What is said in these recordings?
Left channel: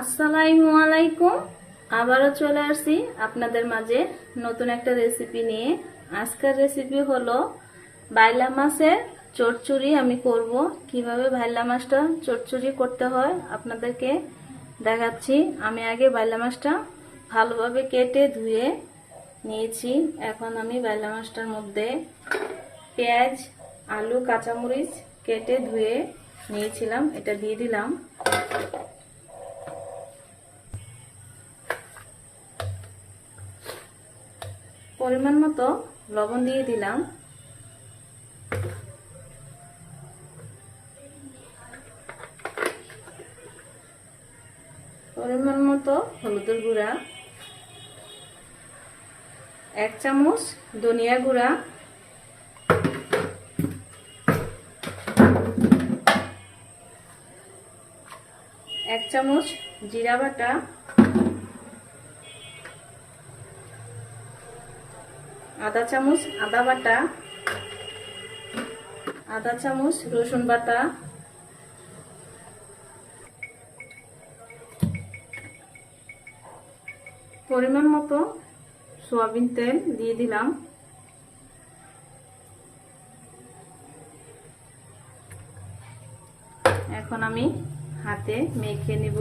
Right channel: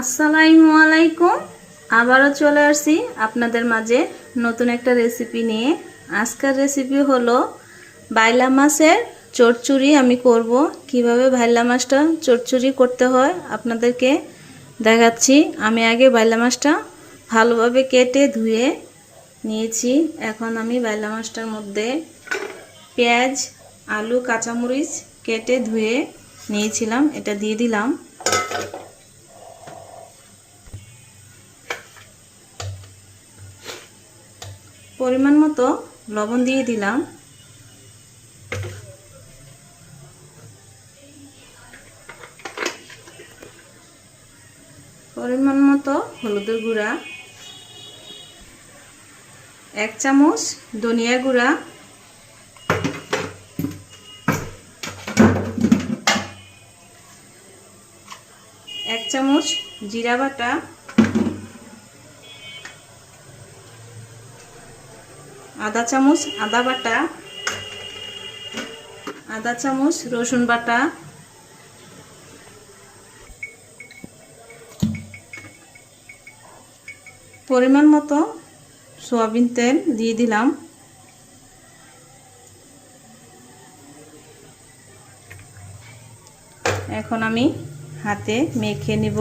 আসসালামু আলাইকুম। আবারও চলে আসছি আপনাদের মাঝে নতুন একটা রেসিপি নিয়ে। আজকের রেসিপি হলো বাইলা মাছের চচ্চড়ি। আমি করব কিভাবে বাইলা মাছটা চচ্চড়ি করতে হয় আপনাদেরকে দেখাচ্ছি। আমি আগে বাইলা মাছটা ভালোভাবে কেটে ধুয়ে নিয়েছি। এখন আমি বাইলা মাছটার মধ্যে পেঁয়াজ, আলু, কাঁচামরিচ কেটে ধুয়ে নিয়েছিলাম, এটা দিয়ে দিলাম। পরিমাণ মতো লবণ দিয়ে দিলাম। পরিমাণ মতো হলুদের গুঁড়া, 1 চামচ ধনিয়া গুঁড়া, 1 চামচ জিরা বাটা, 1/2 চামচ আদা বাটা, 1/2 চামচ রসুন বাটা, পরিমাণ মতো সয়াবিন তেল দিয়ে দিলাম। এখন আমি হাতে মেখে নিব।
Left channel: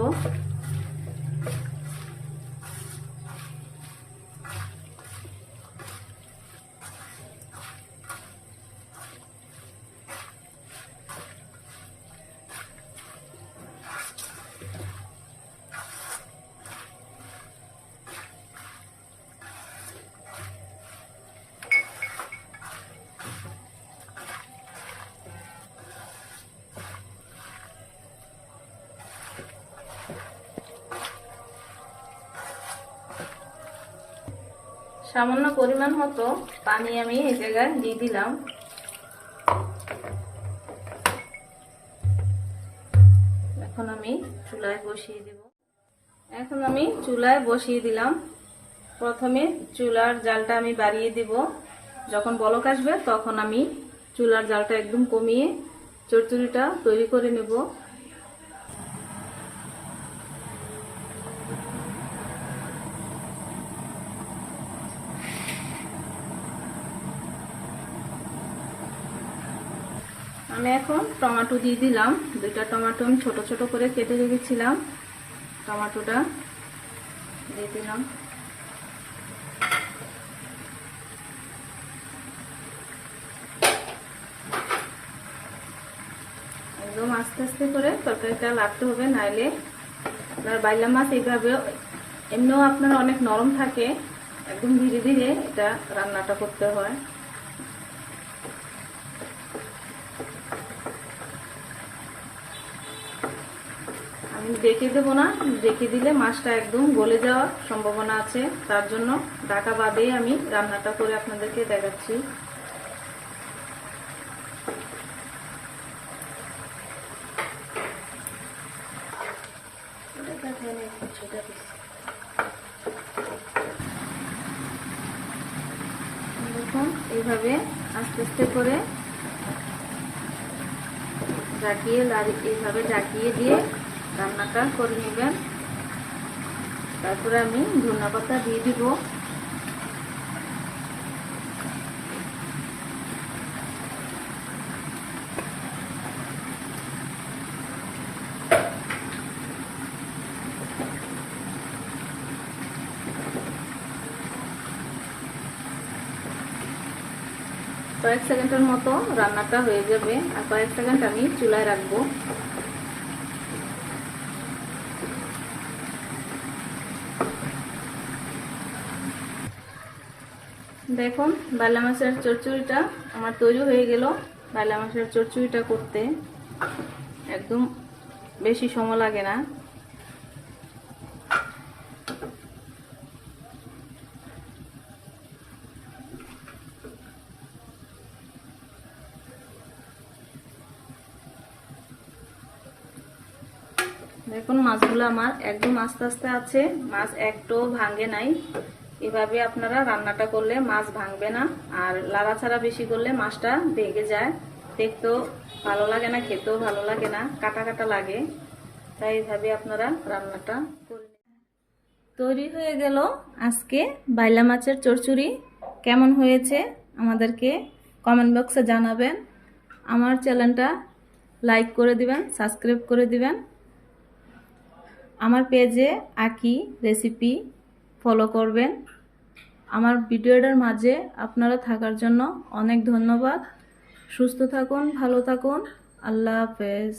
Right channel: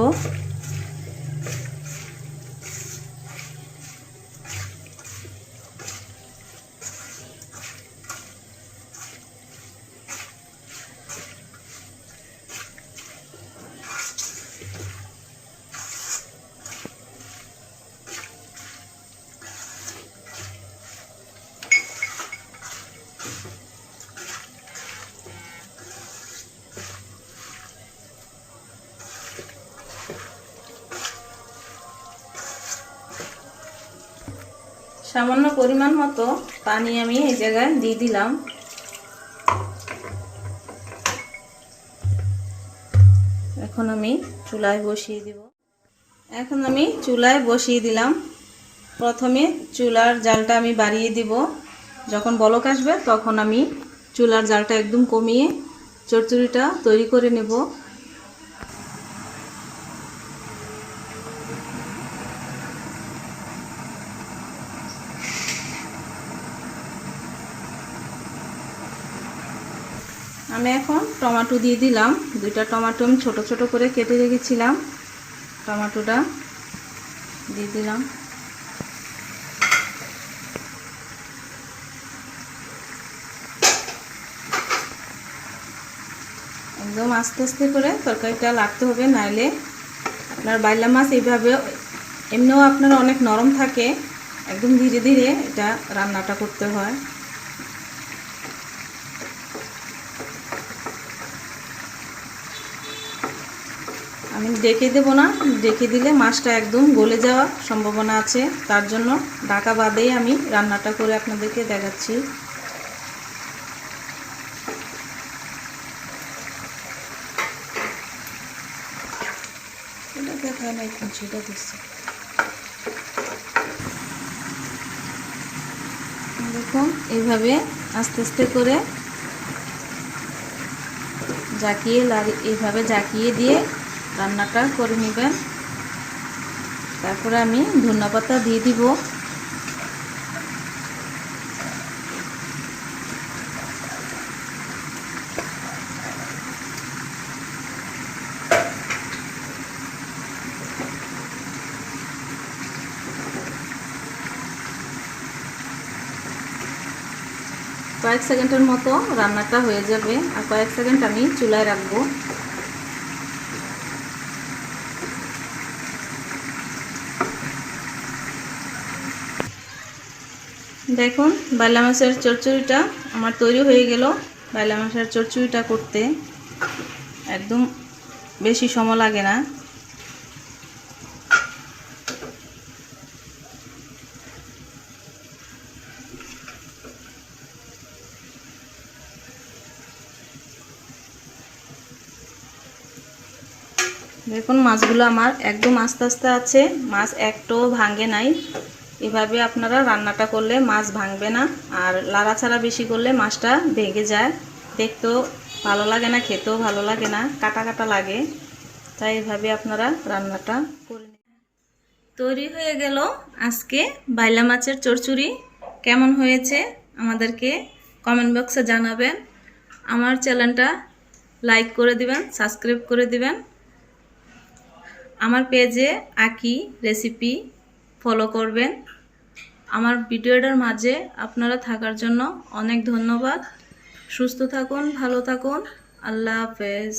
সামান্য পরিমাণ মতো পানি আমি এই জায়গায় দিয়ে দিলাম। এখন আমি চুলায় বসিয়ে দিব। প্রথমে চুলার জালটা আমি বাড়িয়ে দিব। যখন বলক আসবে তখন আমি চুলার জালটা একদম কমিয়ে চচ্চড়িটা তৈরি করে নেব। আমি এখন টমেটো দিয়ে দিলাম। 2টা টমেটো আমি ছোট ছোট করে কেটে রেখেছিলাম, টমেটোটা দিয়ে দিলাম। একদম আস্তে আস্তে করে তরকারিটা লাগতে হবে, নাইলে আপনার বাইলা মাছ এইভাবে এমনিও আপনার অনেক নরম থাকে, একদম ধীরে ধীরে এটা রান্নাটা করতে হয়। আমি ঢেকে দেব না, ঢেকে দিলে মাছটা একদম গলে যাওয়ার সম্ভাবনা আছে, তার জন্য ঢাকা বাদেই আমি রান্নাটা করে আপনাদেরকে দেখাচ্ছি। এটা দেখায় না, এখন সেটা দিচ্ছি। দেখুন এইভাবে আস্তে আস্তে করে এইভাবে জাকিয়ে দিয়ে রান্নাটা করে নেবেন। তারপরে আমি ধনেপাতা দিয়ে দিব। কয়েক সেকেন্ডের মতো রান্নাটা হয়ে যাবে, আর কয়েক সেকেন্ড আমি চুলায় রাখবো। দেখুন বাইলা মাছের চচ্চড়িটা আমার তৈরি হয়ে গেল। বাইলা মাছের চচ্চড়িটা করতে একদম বেশি সময় লাগে না। দেখুন মাছগুলো আমার একদম আস্তে আস্তে আছে, মাছ একটাও ভাঙে নাই। এভাবে আপনারা রান্নাটা করলে মাছ ভাঙবে না, আর লাড়াছাড়া বেশি করলে মাছটা ভেঙে যায়, দেখতেও ভালো লাগে না, খেতেও ভালো লাগে না, কাটা কাটা লাগে। তাই এভাবে আপনারা রান্নাটা করে নেবেন। তৈরি হয়ে গেল আজকে বাইলা মাছের চচ্চড়ি। কেমন হয়েছে আমাদেরকে কমেন্ট বক্সে জানাবেন। আমার চ্যানেলটা লাইক করে দিবেন, সাবস্ক্রাইব করে দিবেন। আমার পেজে আঁকি রেসিপি ফলো করবেন। আমার ভিডিওটার মাঝে আপনারা থাকার জন্য অনেক ধন্যবাদ। সুস্থ থাকুন, ভালো থাকুন। আল্লাহ হাফেজ।